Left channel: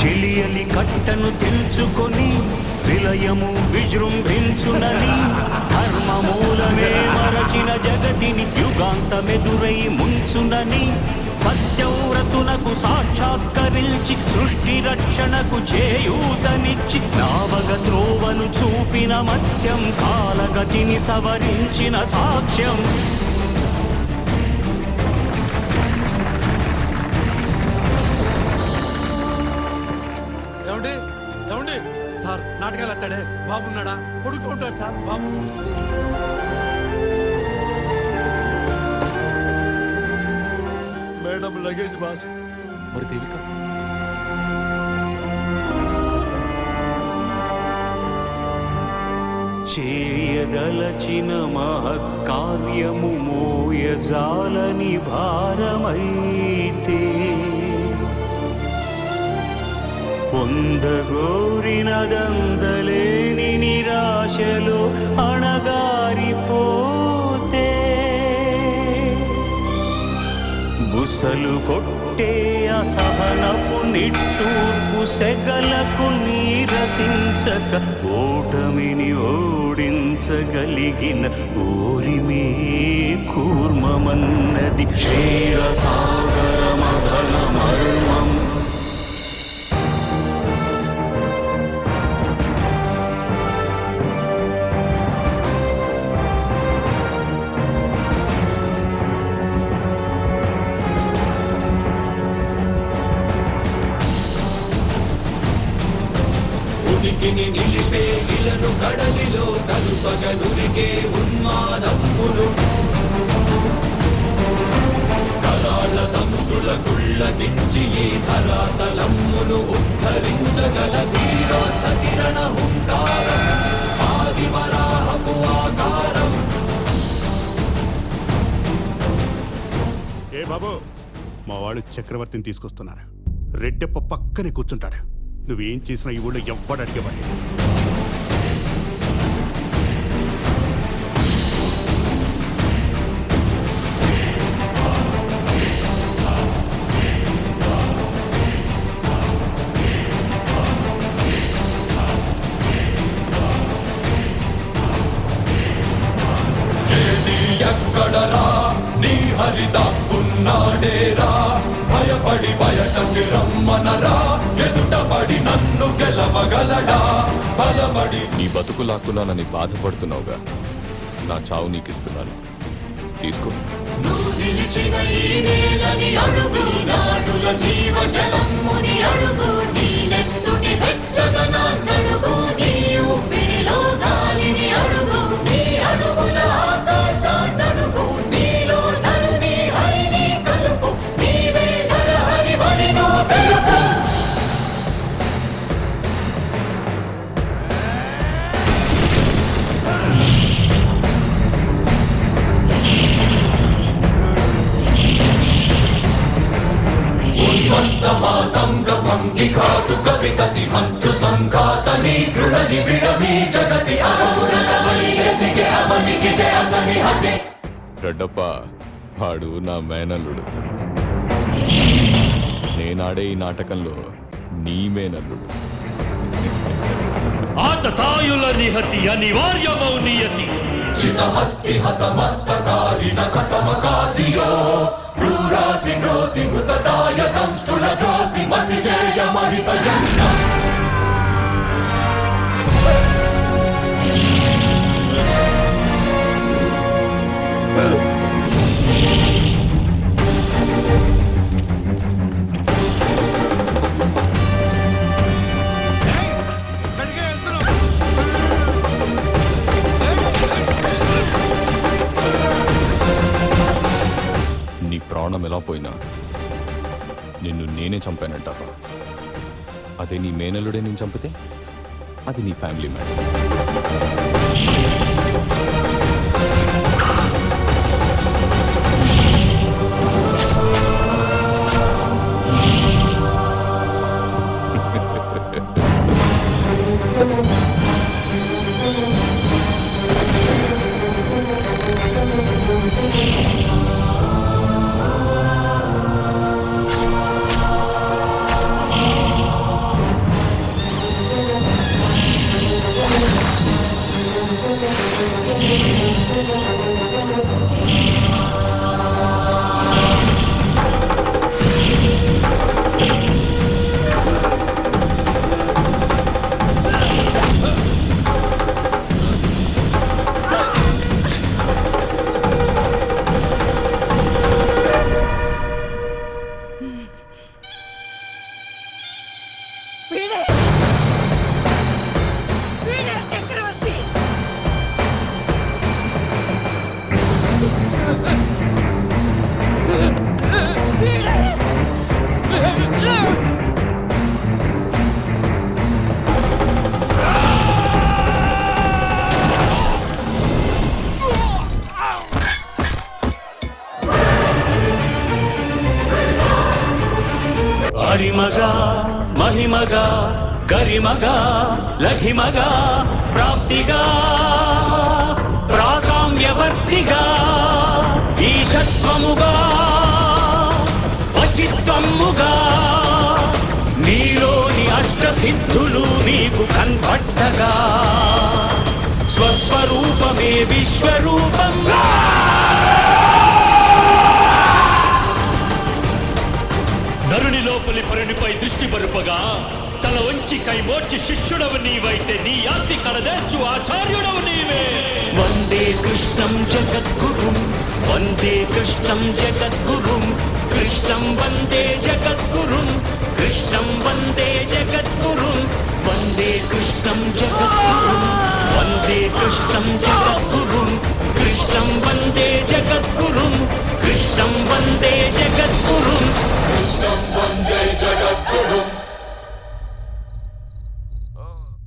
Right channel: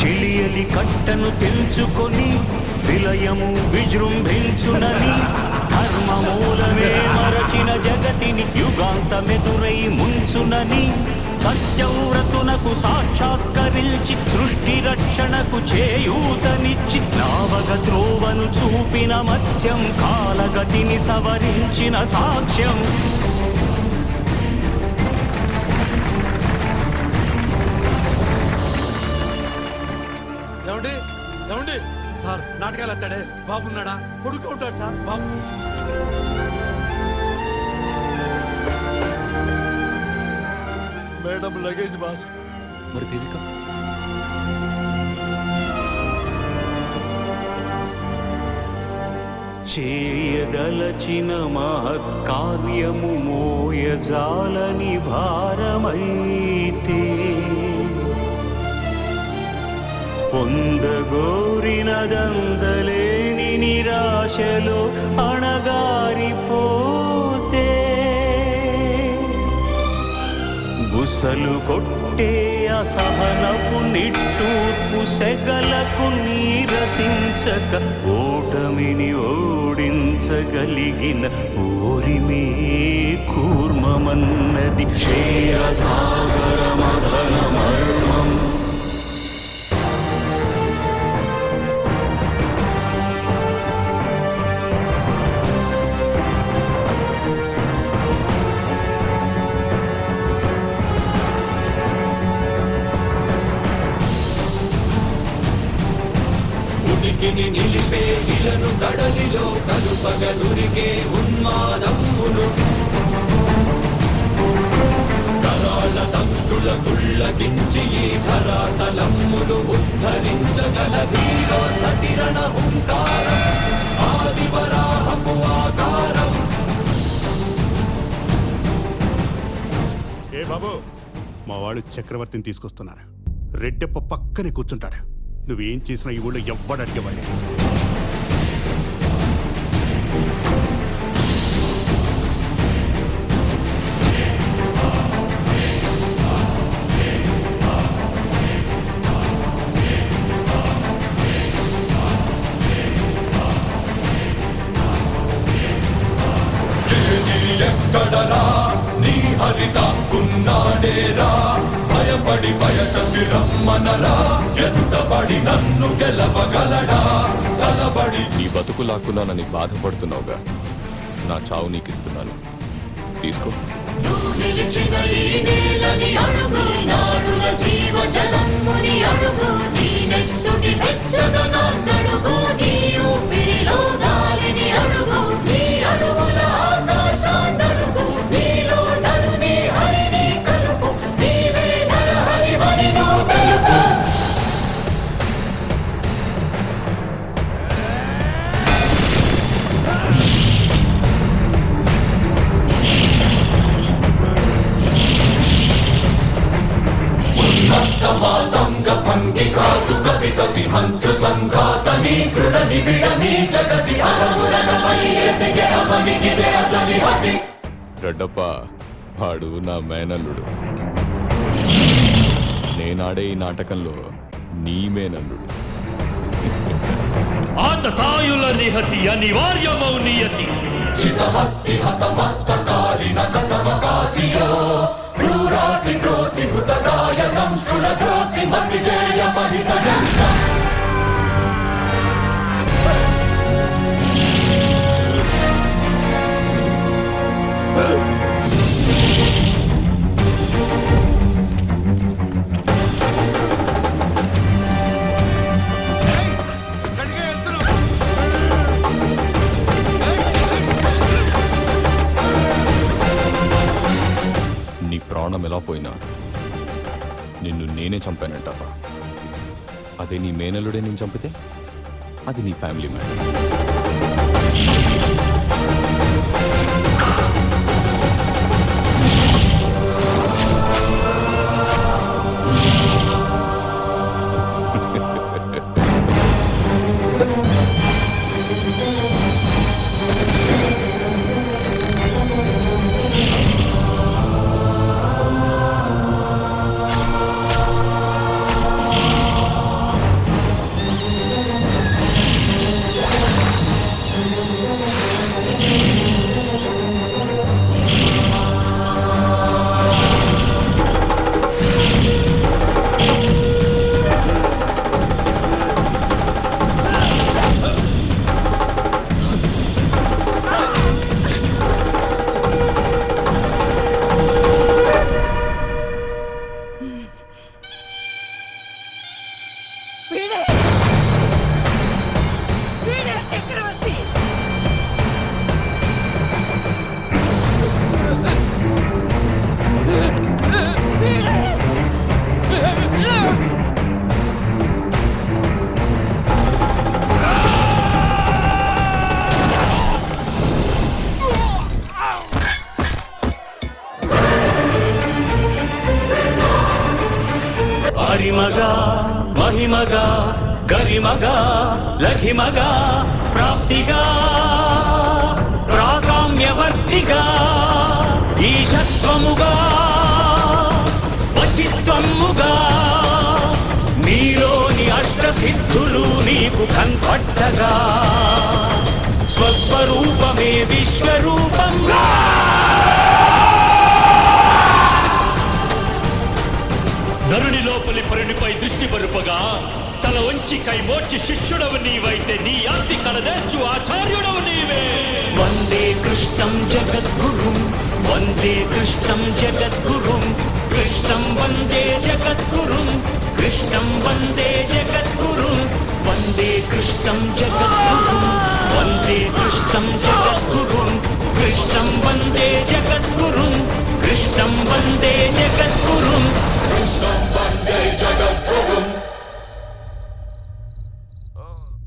చెలియలి కట్టను తెంచుకొని విలయము విజృంభించునని ధర్మమూలమే మరచిన జగతిని యుగాంతమెదురై ముంచునని సత్యవ్రతునకు సాక్షాత్కరించి సృష్టి రక్షణకు చేయూతనిచ్చి నావగ త్రోవను చూపిన మత్స్యం కాలగతిని సవరించిన సాక్ష్యం. ఏమండి సార్, నాటకాలు వస్తాడే బాబున్నాడా? కొడుకు ఉంటాడు సార్ బాబు. Madam luggage boss. మరి దేవిక? చేయదలచిన మహత్కార్యము మోయజాలని భారమైతే పొందగోరినదందలేని నిరాశలో అణగారిపోతే బుసలు కొట్టే అసహనపు నిట్టూర్పు సెగలకు నీరసించక ఓటమిని ఓడించగలిగిన ఓరిమే కూర్మమన్నది క్షీరసాగర మదన మర్మం. ఉనికిని నిలిపే ఇలను కడలిలో కలుపగనురికే ఉన్మాదమ్మును కరాళ దంష్టుల గుళ్ళగించి ఈ ధరాతలమ్మును ఉద్ధరించగల ధీరోద్ధతిరణ హుంకారం ఆదివరాహపు ఆకారం. ఏ బాబు, మా వాళ్ళు చక్రవర్తిని తీసుకొస్తున్నారు. రెడ్డప్ప పక్కనే కూర్చుంటాడు. నువ్వేం చేసినా ఈ ఊళ్ళో ఎవ్వడు అడిగేవాడు. ఎక్కడరా నీ హరితాకున్నాడేరా భయపడి బయటకి రమ్మనరా ఎదుటపడి నన్ను గెలవగలడా బలబడి. నీ బతుకు లాక్కున్నానని బాధపడుతున్నావుగా, నా చావు నీకిస్తున్నాను, తీసుకో. నువ్వు నిలిచిన ఈ నేలని అడుగు, నాడుల జీవ జలమ్ముని అడుగు, నీ నెత్తుటి వెచ్చదనాన్నడుగు, నీ ఊపిరిలో గాలిని అడుగు, నీ అడుగుల ఆకాశాన్నడుగు, నీలో నరుని హరిని కలుపు, నీవే నరహరివని నువ్వు తెలుపు. మాతంగ భంగి కాతు కపి కతి మంత్రు సంఘాతని కృణ నిబిడమి జగతి అగమురగమై ఎదిగే అవనిగిదే అసని హతి. రెడ్డప్ప వాడు నా మేనల్లుడు. నేనాడే ఈ నాటకంలో నీ మేనల్లుడు. ఆతతాయుల నిహతి అనివార్యమౌ నియతి. చితహస్తి హతమస్తకారిణ కసమకాసియో క్రూరాసి క్రోసి భృతదాయ దంష్టుల ద్రోసి మసిజేయ మహితయంగ. నీ ప్రాణం ఎలా పోయినా నిన్ను నేనే చంపానంటారా? అదే నీ మేనల్లుడే నేను చంపితే అది నీ ఫ్యామిలీ మ్యాటర్. వీడే వీడే చక్రవర్తి. వీడే అరిమగా మహిమగా గరిమగా లఘిమగా ప్రాప్తిగా ప్రాకామ్యవర్తిగా ఈశత్వముగా వశిత్వముగా నీలోని అష్టసిద్ధులు నీకు కన్పట్టగా స్వస్వరూపమే విశ్వరూపంగా నరుని లోపలి పరునిపై దృష్టి బరుపగా తల వంచి కైమోర్చి శిష్యుడవు నీవైతే నీ ఆర్తి కడదేర్చు ఆచార్యుడవు నీవే. వందే కృష్ణం జగద్గురుం వందే కృష్ణం జగద్గురుం కృష్ణం వందే జగద్గురుం కృష్ణం వందే జగద్గురుం వందే కృష్ణం జగద్గురుం వందే కృష్ణం జగద్గురుం కృష్ణం వందే జగద్గురుం కృష్ణం వందే జగద్గురుం కృష్ణం వందే జగద్గురుం